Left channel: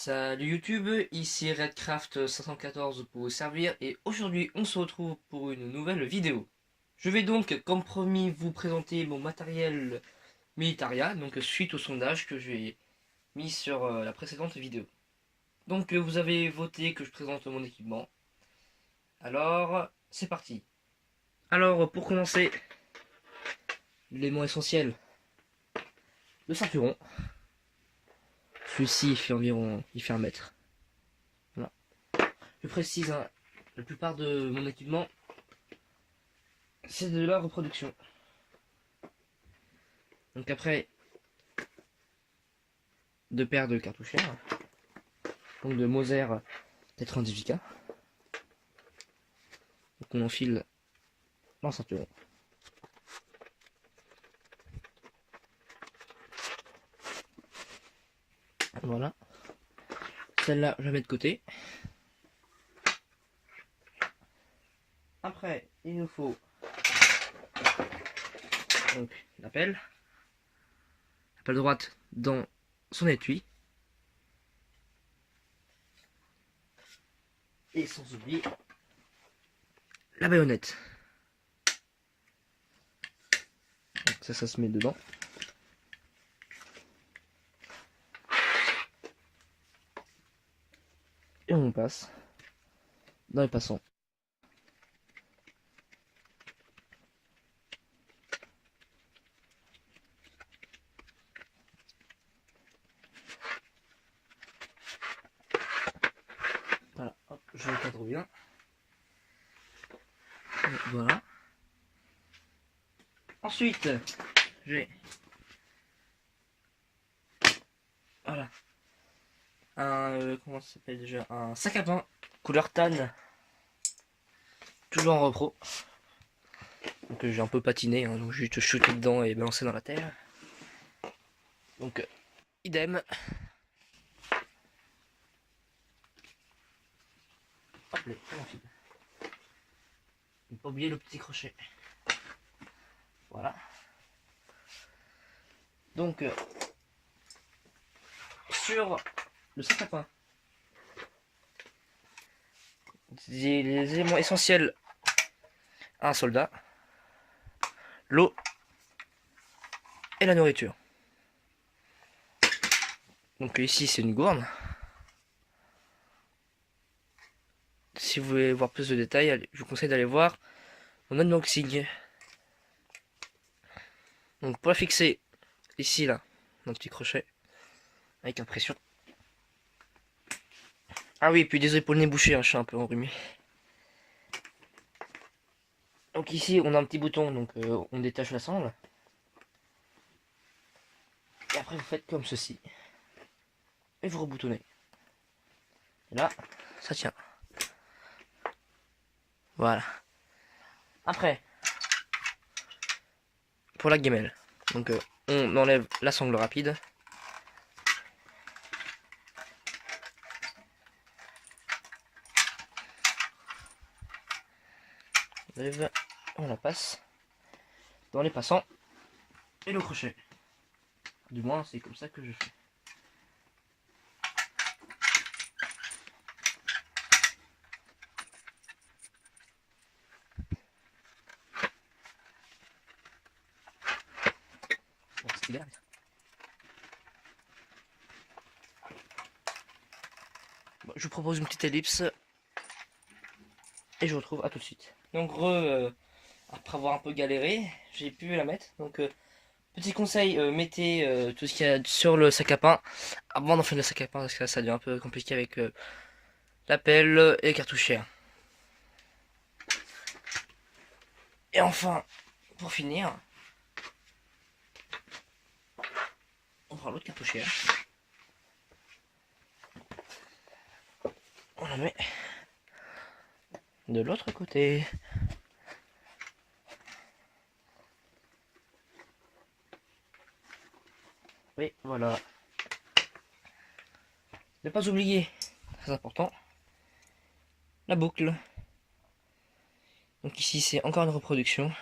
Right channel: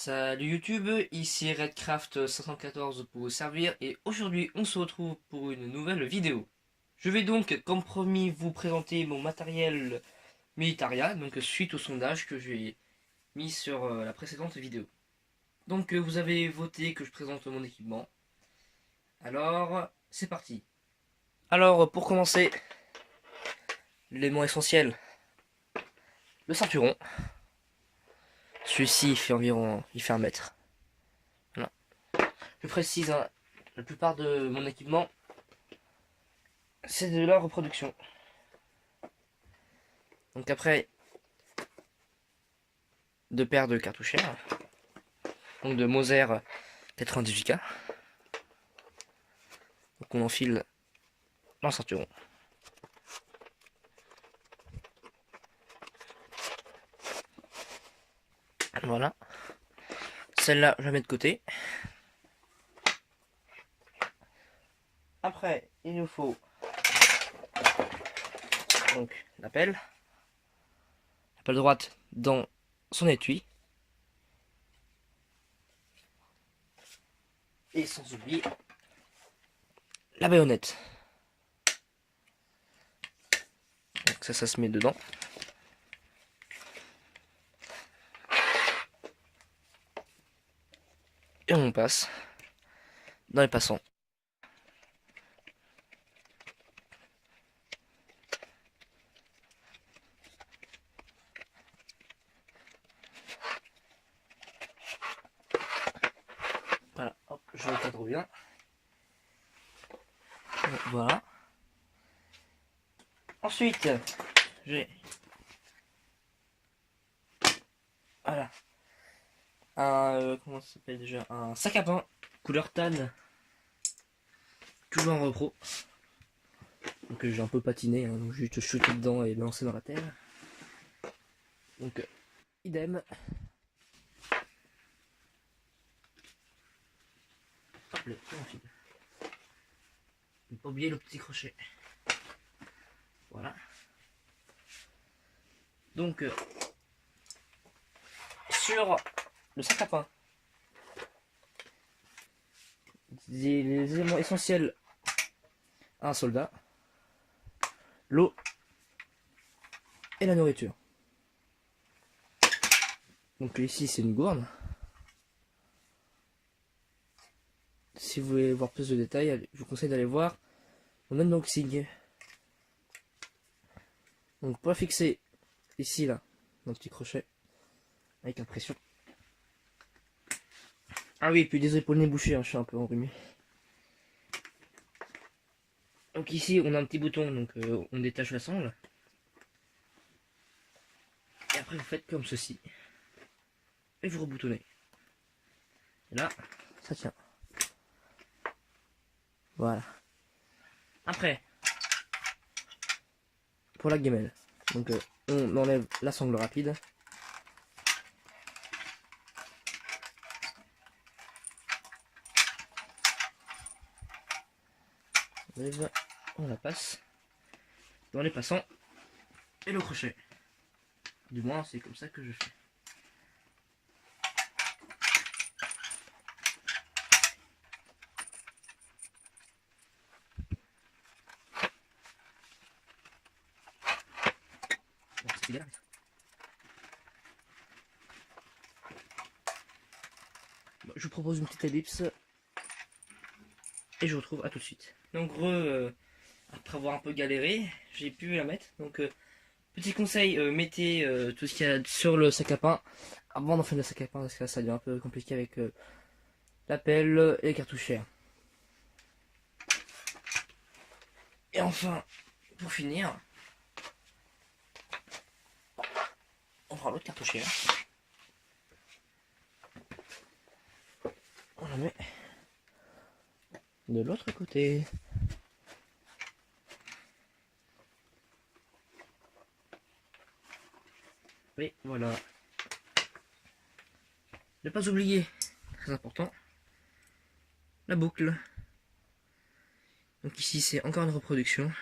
Salut YouTube, ici Redcraft514 pour vous servir et aujourd'hui on se retrouve pour une nouvelle vidéo. Je vais donc comme promis vous présenter mon matériel Militaria, donc suite au sondage que j'ai mis sur la précédente vidéo. Donc vous avez voté que je présente mon équipement. Alors c'est parti. Alors pour commencer, l'élément essentiel, le ceinturon. Celui-ci il fait 1 mètre. Voilà. Je précise, hein, la plupart de mon équipement c'est de la reproduction. Donc après, 2 paires de cartouchères, donc de Moser 98K. Donc on enfile dans le ceinturon. Voilà. Celle-là, je la mets de côté. Après, il nous faut donc la pelle droite dans son étui. Et sans oublier la baïonnette. Donc ça se met dedans. Et on passe dans les passants. Voilà, hop, je recadre bien. Et voilà. Ensuite, j'ai voilà comment ça s'appelle déjà, un sac à pain couleur tan, toujours en repro. Donc j'ai un peu patiné, hein, donc juste shooter dedans et balancer dans la terre. Donc idem. Hop, ne pas oublier le petit crochet. Voilà. Donc sur le sac à pain, les éléments essentiels à un soldat: l'eau et la nourriture. Donc ici c'est une gourde. Si vous voulez voir plus de détails, je vous conseille d'aller voir mon unboxing. Donc pour la fixer ici là, un petit crochet avec impression. Ah oui, puis désolé pour le nez bouché, hein, je suis un peu enrhumé. Donc ici on a un petit bouton, donc on détache la sangle. Et après vous faites comme ceci. Et vous reboutonnez. Et là, ça tient. Voilà. Après, pour la gamelle, donc on enlève la sangle rapide. On la passe dans les passants et le crochet. Du moins, c'est comme ça que je fais. Bon, je vous propose une petite ellipse et je vous retrouve à tout de suite. Donc après avoir un peu galéré, j'ai pu la mettre. Donc petit conseil, mettez tout ce qu'il y a sur le sac à pain avant d'enfiler le sac à pain, parce que là ça devient un peu compliqué avec la pelle et les cartouchières. Et enfin, pour finir, on prend l'autre cartouchière, on la met de l'autre côté. Et voilà. Ne pas oublier, très important, la boucle. Donc ici c'est encore une reproduction,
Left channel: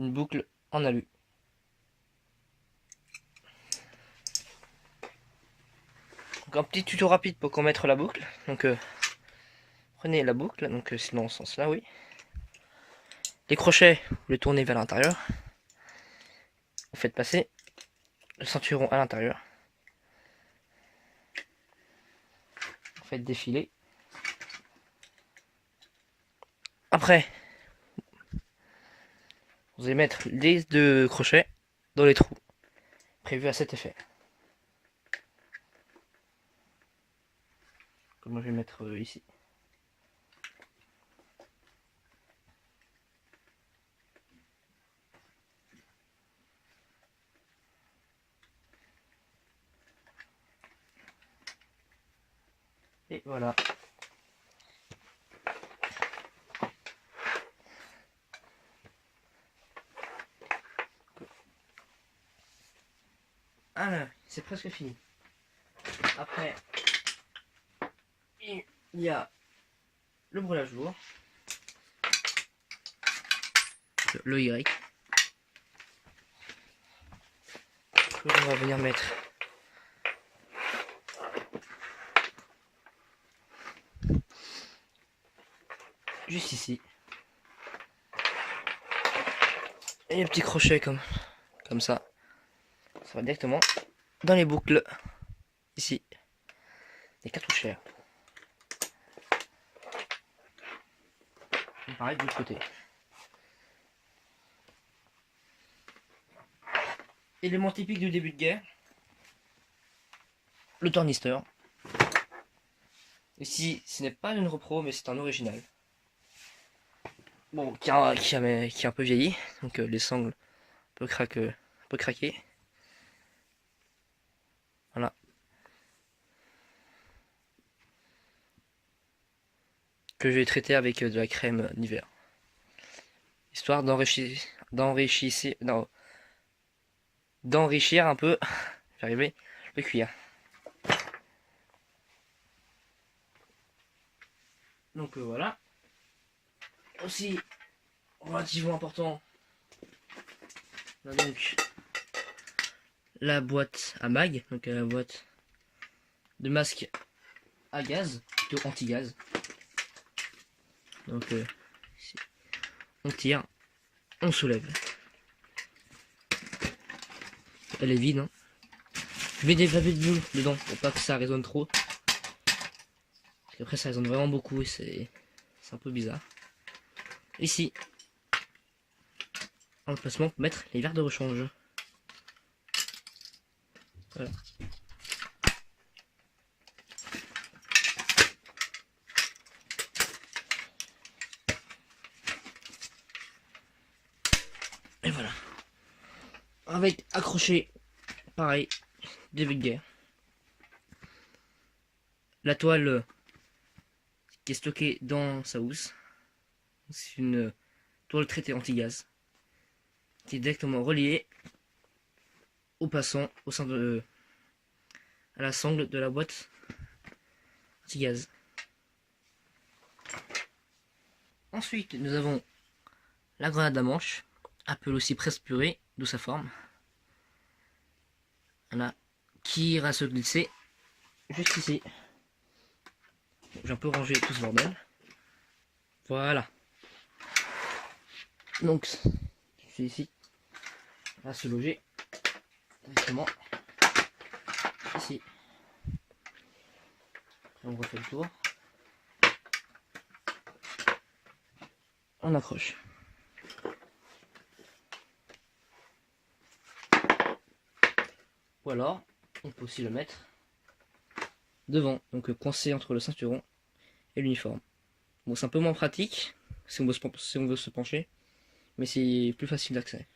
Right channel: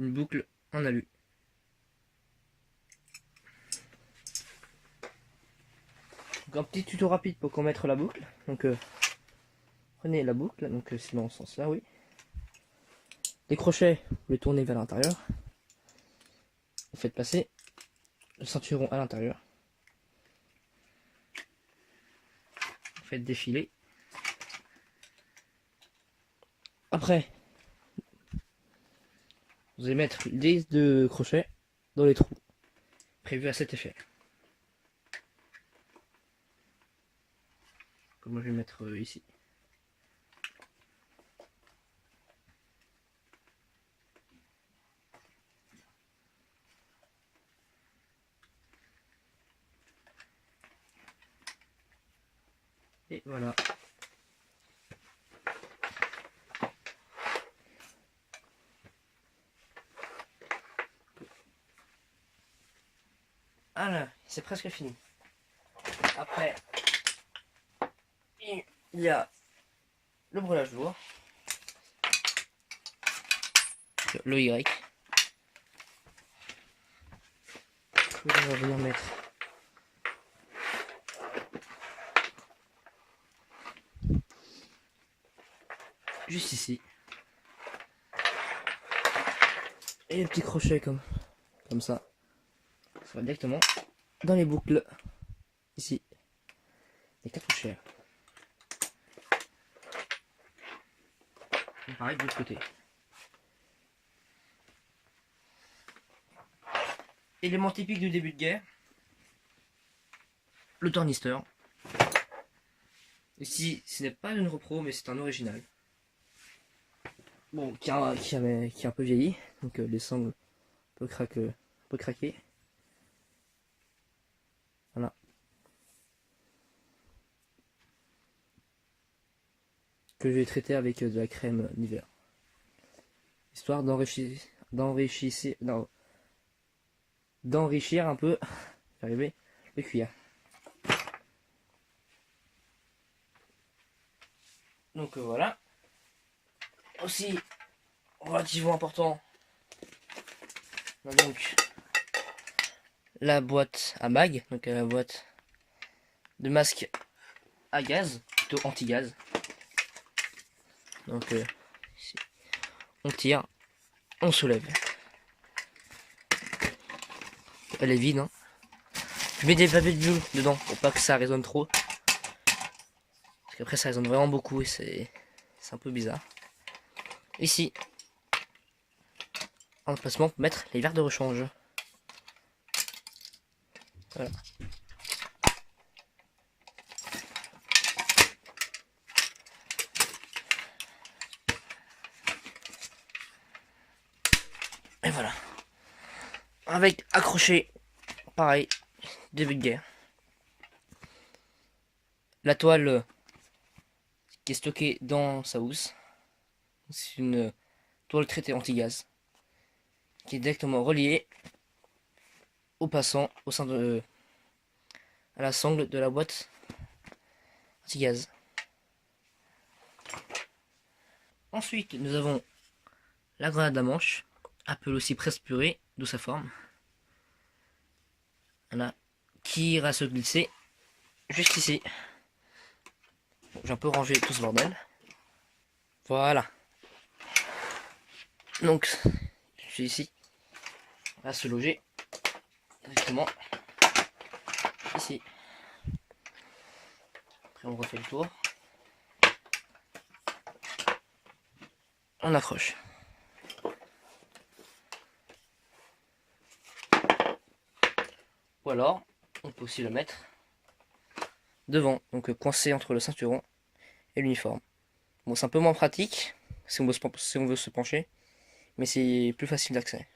une boucle en alu. Donc un petit tuto rapide pour commettre la boucle. Donc prenez la boucle, donc c'est dans ce sens là, oui. Les crochets, vous les tournez vers l'intérieur. Vous faites passer le ceinturon à l'intérieur. Vous faites défiler. Après, vous allez mettre les 2 crochets dans les trous prévus à cet effet. Comme moi je vais mettre ici. Et voilà. Voilà, c'est presque fini. Après, il y a le brelage lourd, le Y, que je vais venir mettre juste ici. Et les petits crochets comme ça. Ça va directement dans les boucles ici. Les cartouchères. Et pareil de l'autre côté. Élément typique du début de guerre. Le tornisteur. Ici, ce n'est pas une repro, mais c'est un original. Bon, qui est un peu vieilli. Donc les sangles peuvent craquer. Voilà. Que je vais traiter avec de la crème Nivea. Histoire d'enrichir un peu, j'arrivais, le cuir. Donc voilà. Aussi, relativement important, on a donc la boîte à mag, donc la boîte de masque à gaz, plutôt anti-gaz. Donc ici, on tire, on soulève. Elle est vide, hein. Je mets des papiers de bulle dedans pour pas que ça résonne trop. Parce qu'après ça résonne vraiment beaucoup et c'est un peu bizarre. Ici, en placement pour mettre les verres de rechange. Voilà. Et voilà. Avec accroché, pareil, début de guerre. La toile qui est stockée dans sa housse. C'est une toile traitée anti-gaz qui est directement reliée au passant au sein de à la sangle de la boîte anti-gaz. Ensuite, nous avons la grenade à manche, appelée aussi presse purée, d'où sa forme. Voilà, qui ira se glisser juste ici. J'ai un peu rangé tout ce bordel. Voilà. Donc, je suis ici. Elle va se loger directement ici. Après, on refait le tour. On accroche. Ou alors, on peut aussi le mettre devant, donc coincé entre le ceinturon et l'uniforme. Bon, c'est un peu moins pratique si on veut se pencher, mais c'est plus facile d'accès.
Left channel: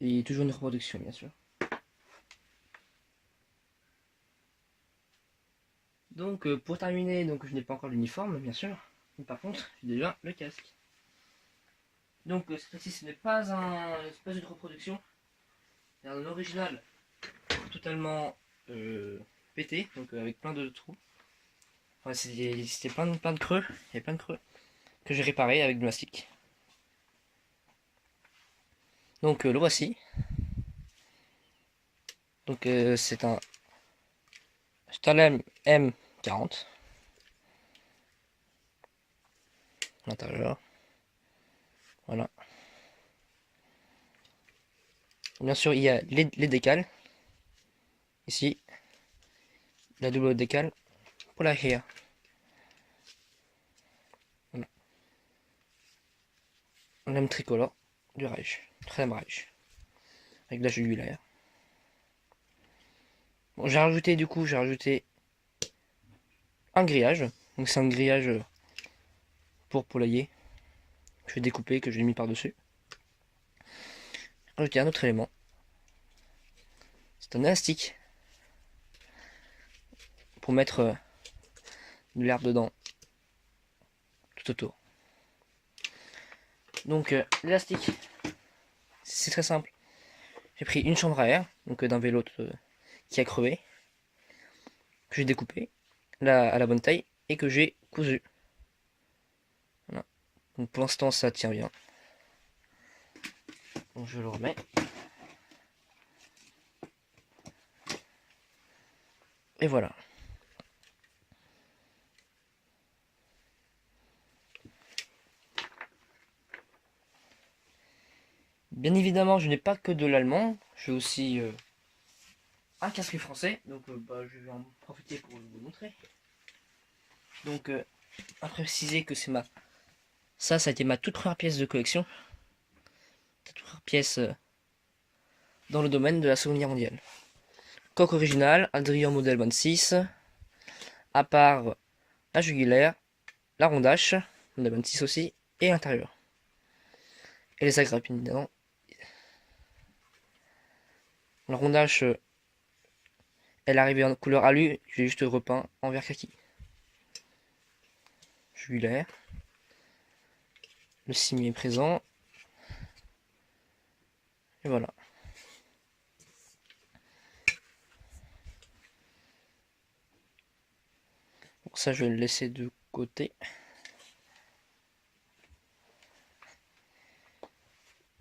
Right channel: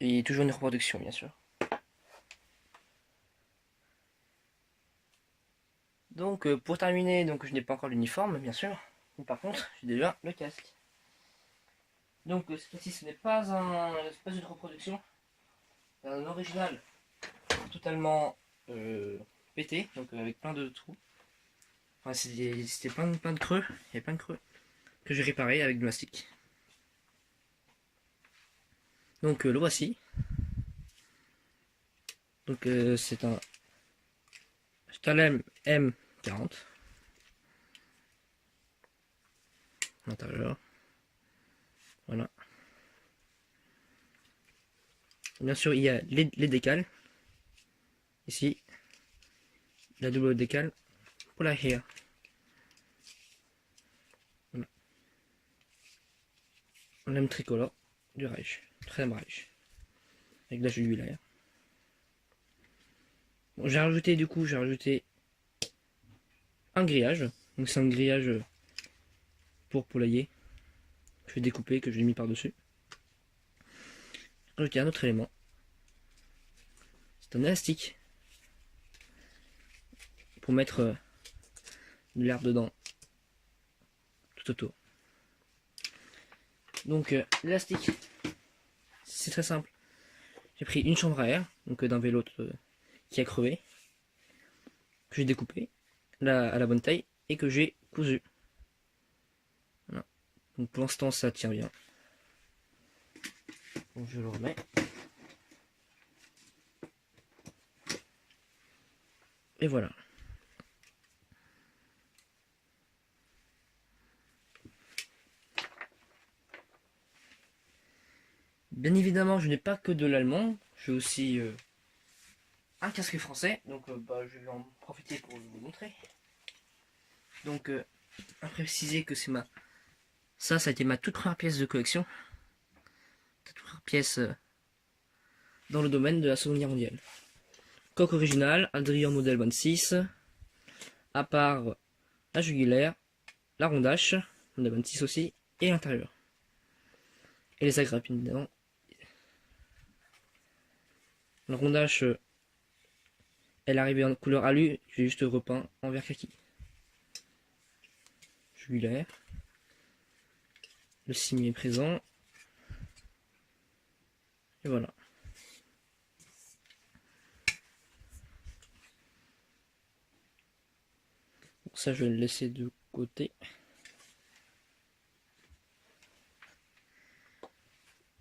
Et toujours une reproduction, bien sûr. Donc, pour terminer, donc je n'ai pas encore l'uniforme, bien sûr, mais par contre, j'ai déjà le casque. Donc, cette fois-ci, ce n'est pas une reproduction, c'est un original totalement pété, donc avec plein de trous. Enfin, c'était plein de creux, il y avait plein de creux que j'ai réparé avec du mastic. Donc le voici. Donc c'est un Stalem M40 à l'intérieur. Voilà. Bien sûr, il y a les décales. Ici, la double décale pour la here. Voilà. Lame tricolore du Reich. Très Reich. Avec de la jugulaire. Bon, j'ai rajouté un grillage. Donc c'est un grillage pour poulailler. Que j'ai découpé, que j'ai mis par-dessus. Rajouter un autre élément. C'est un élastique. Pour mettre de l'herbe dedans. Tout autour. Donc l'élastique, c'est très simple. J'ai pris une chambre à air, donc d'un vélo qui a crevé, que j'ai découpé à la bonne taille et que j'ai cousu. Voilà. Donc pour l'instant ça tient bien. Donc je le remets. Et voilà. Bien évidemment, je n'ai pas que de l'allemand, j'ai aussi un casque français, donc je vais en profiter pour vous montrer. Donc, à préciser que c'est ça a été ma toute première pièce de collection. Toute première pièce dans le domaine de la Seconde Guerre mondiale. Coque originale, Adrien modèle 26, à part la jugulaire, la rondache, modèle 26 aussi, et l'intérieur. Et les agrippines dedans. La rondache, elle est arrivée en couleur alu, j'ai juste repeint en vert kaki. Jugulaire. Le cimier est présent. Et voilà. Donc ça, je vais le laisser de côté.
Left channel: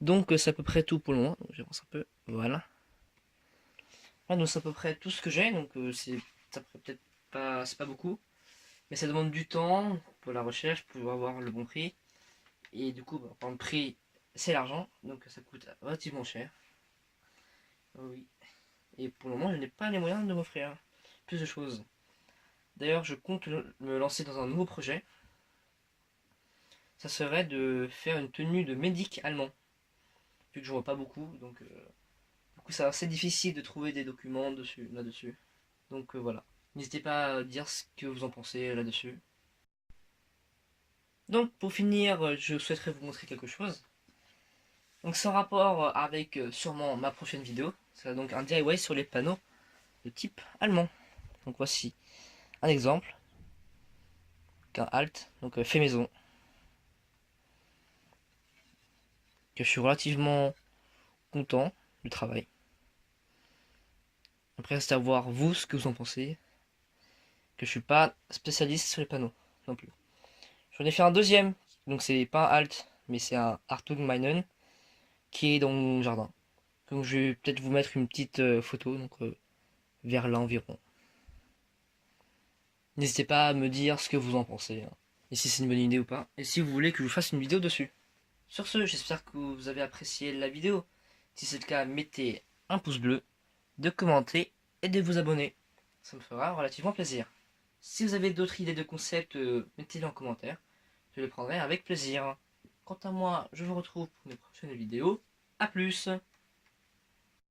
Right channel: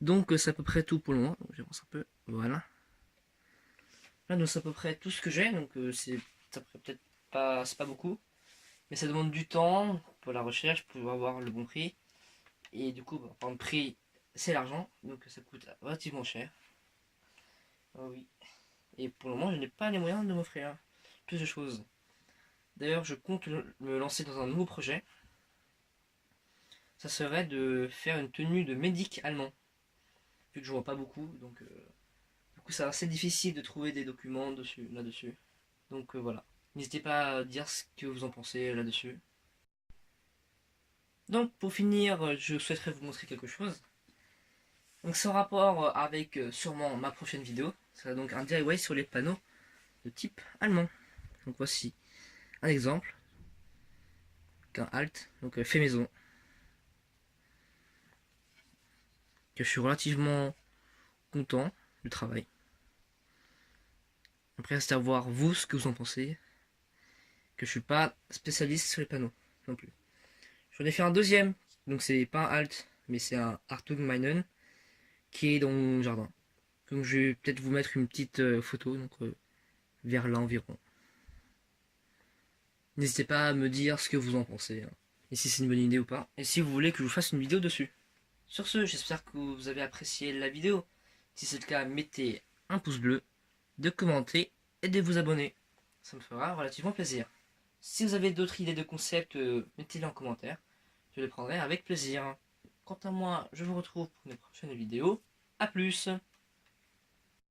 Donc c'est à peu près tout pour le moment. J'avance un peu. Voilà. Ah, donc c'est à peu près tout ce que j'ai. Donc ça peut-être pas, c'est pas beaucoup, mais ça demande du temps pour la recherche, pour avoir le bon prix. Et du coup, par le prix, c'est l'argent, donc ça coûte relativement cher. Oh oui. Et pour le moment, je n'ai pas les moyens de m'offrir plus de choses. D'ailleurs, je compte me lancer dans un nouveau projet. Ça serait de faire une tenue de médic allemand. Vu que je vois pas beaucoup, donc du coup, c'est assez difficile de trouver des documents là-dessus. Donc voilà. N'hésitez pas à dire ce que vous en pensez là-dessus. Donc pour finir, je souhaiterais vous montrer quelque chose. Donc sans rapport avec sûrement ma prochaine vidéo. Ce sera donc un DIY sur les panneaux de type allemand. Donc voici un exemple. Un halt, donc fait maison. Que je suis relativement content du travail. Après c'est à voir vous ce que vous en pensez. Que je suis pas spécialiste sur les panneaux non plus. J'en ai fait un deuxième. Donc c'est pas un halt, mais c'est un Hartung Meinen qui est dans mon jardin. Donc je vais peut-être vous mettre une petite photo, donc vers là environ. N'hésitez pas à me dire ce que vous en pensez, hein, et si c'est une bonne idée ou pas, et si vous voulez que je vous fasse une vidéo dessus. Sur ce, j'espère que vous avez apprécié la vidéo. Si c'est le cas, mettez un pouce bleu, de commenter et de vous abonner. Ça me fera relativement plaisir. Si vous avez d'autres idées de concepts, mettez-les en commentaire. Je les prendrai avec plaisir. Quant à moi, je vous retrouve pour une prochaine vidéo. A plus!